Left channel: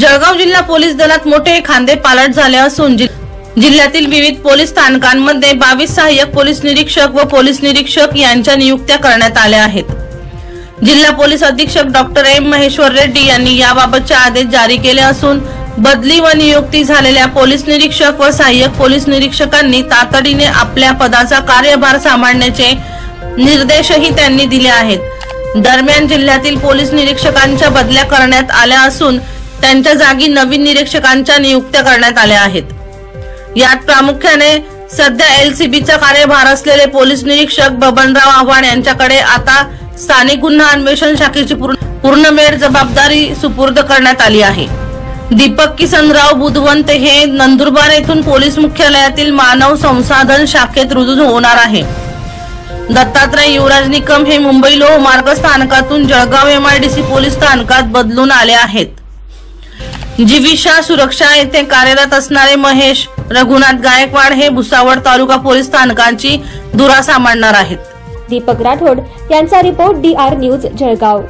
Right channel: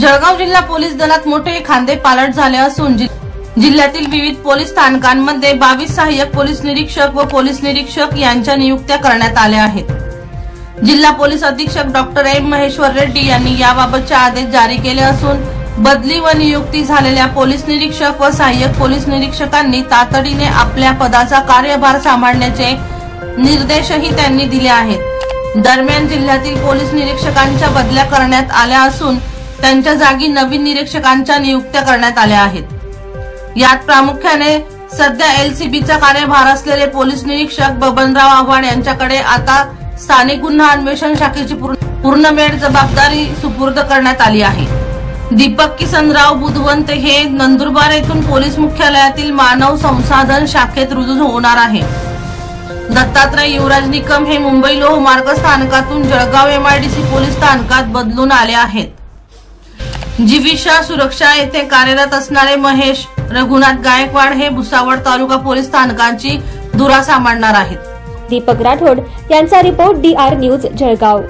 जळगाव जिल्हा पोलीस दलात मोठे खांदेपालट झाले असून जिल्ह्यातील विविध पोलीस स्थानकांमध्ये 22 सहाय्यक पोलीस निरीक्षक व पोलीस निरीक्षक यांच्या नियुक्त्या करण्यात आल्या आहेत। जिल्हा पोलीस अधीक्षक डॉक्टर एम महेश्वर रेड्डी यांनी याबाबतचे आदेश जारी केले असून बदली व नियुक्ती झालेल्या पोलीस निरीक्षक व सहाय्यक पोलीस निरीक्षकांनी तातडीने आपल्या पदाचा कार्यभार सांभाळण्याचे निर्देशही त्यांनी दिले आहेत। दरम्यान जिल्ह्यातील पोलीस निरीक्षकांच्या बदल्या करण्यात आल्या असून त्यांच्या जागी नवीन निरीक्षकांच्या नियुक्त्या करण्यात आल्या आहेत। यात प्रामुख्याने सध्या एलसीबीचा कार्यभार असलेले पोलीस निरीक्षक बबनराव आव्हाड यांच्याकडे आता स्थानिक गुन्हा अन्वेषण शाखेची पूर्णवेळ जबाबदारी सुपूर्द करण्यात आली आहे। दीपक किसनराव बुधवंत हे नंदुरबार येथून पोलीस मुख्यालयातील मानव संसाधन शाखेत रुजू होणार आहे। दत्तात्रय युवराज निकम हे मुंबई लोहमार्ग स्थानकातून जळगाव एमआयडीसी पोलीस स्थानकात बदलून आले आहेत। जीविषा सुरक्षा येथे कार्यरत असणारे महेश रघुनाथ गायकवाड हे भुसावळ तालुका पोलीस स्थानकाची धुरा सांभाळणार आहेत। दीपक राठोड यांचा रिपोर्ट DR न्यूज जळगाव।